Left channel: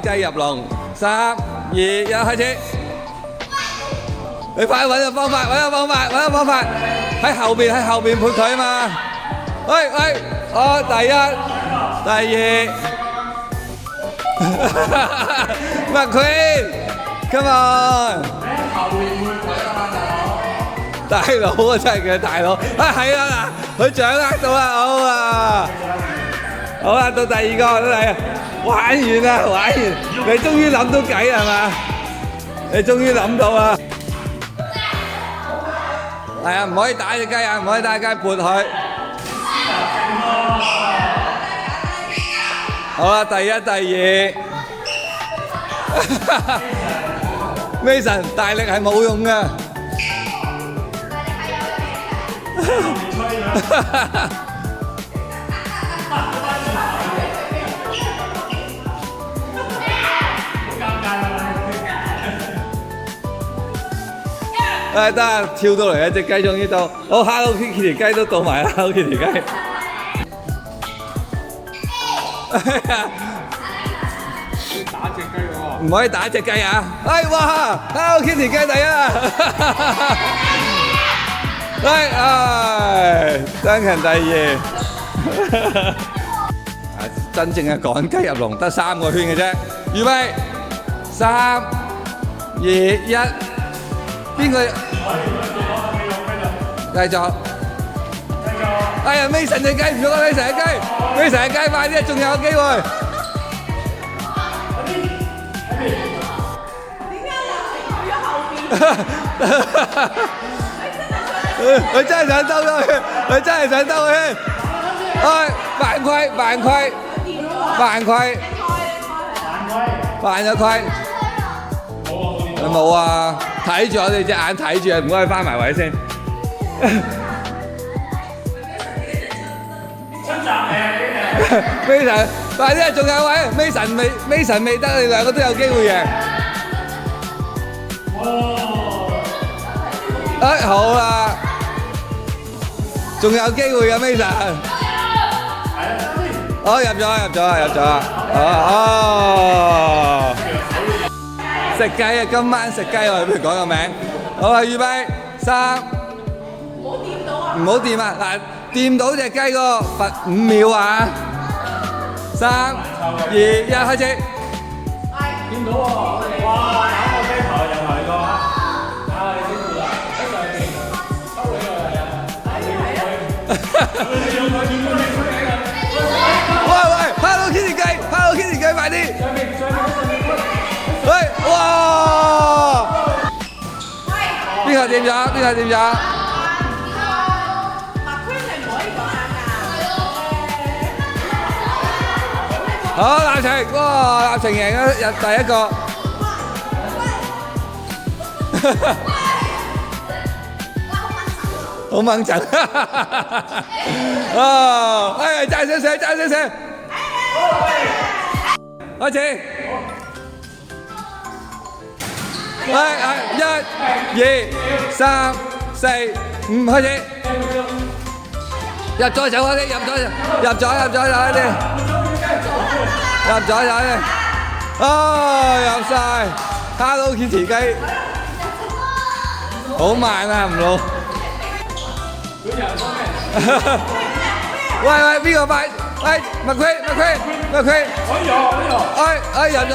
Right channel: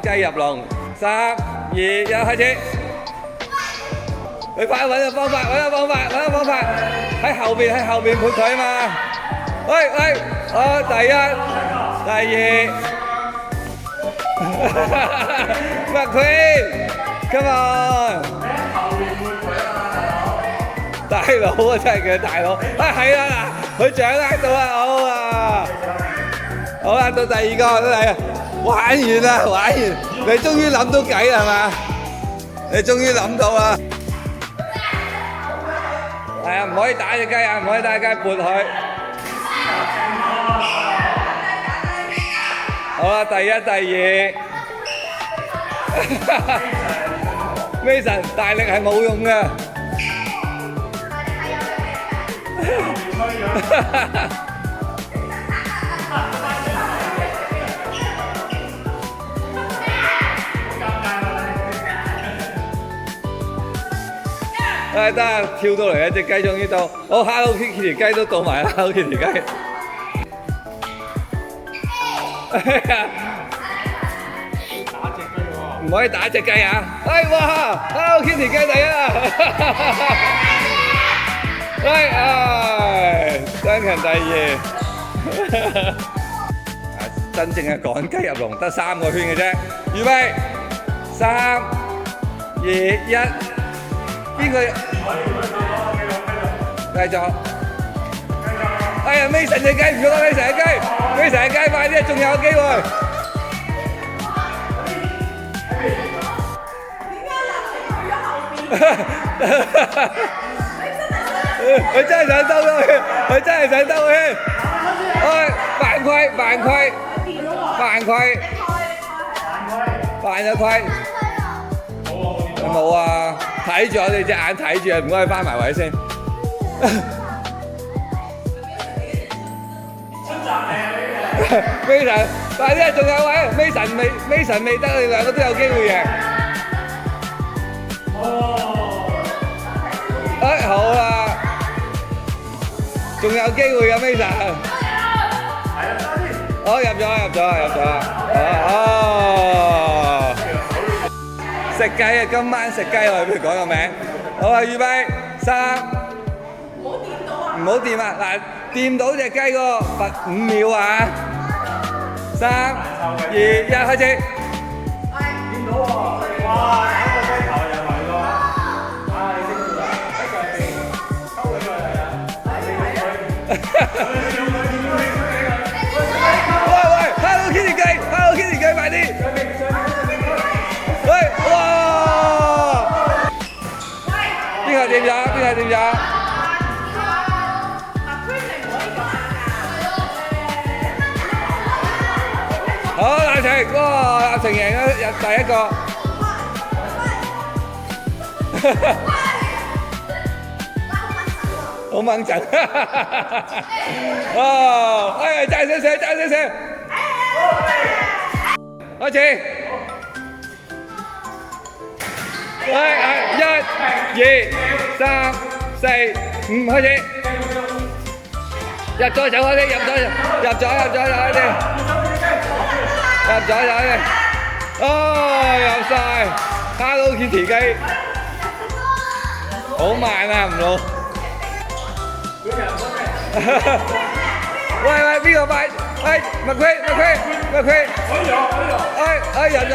雞入籠，3、2、1，開始。你快揾個方法，揾個方法，喺後邊撥佢嘛。喂，好，第一、第二，McQueen，come on，大佬啊，真係嘅大佬，係啦嗱，佢掌握到啦，好啦，到第二個，都係玩完啦，你終於諗到計係嘛？你終於諗到啦。係啊，唔可以打隻雞啊，唔可以打隻雞，撥佢。好啦，第一、第二。Mason 大力係冇用嘅。得啊，跳到嚟一隻雞終於到，好 Hello Kitty 雞都到埋啦 ，Hello Kitty 雞。唔可以打隻雞啊！哇 ，Hello Kitty 雞第一啊！Duncan 第二。真正嘅趕雞入籠得3個圈嘅啫，預備，3、2、1。邊個？繼續。哎呀 ，Mason 隻雞唔喐啦 ，Mason 隻雞，快啲，仲有機會。佢真係想兜咗圈，犯規，犯咗規。冇啊！睇住我哋隻眼睇住啊！唔該，翻埋位先。Mason， 快啲啊！仲有位 Mason 未得，你兩個都有機會贏。好啦，仲有機會嘅 Mason。入咗。食雞啊！今晚食雞我哋不如講個名。好啊，預備3，唔好掂啊！嗱，掂到隻雞個罰5秒啊！3、2、1，開始。掂到喎！哇！打個飛頭又嚟過啊！你識做啊？喺上邊抽起佢係啊！喂 ，Hello Kitty 雞，快啲！邊個掂咗？好，立晴，哇！立晴贏咗第一個。好掹陣。爭少少。開始。1、2、3、4、5，開始。入咗手嗰啲，入咗入晒 ，Hello Kitty 雞，好慢啊，唔老。喂，邊個快？McQueen，入咗。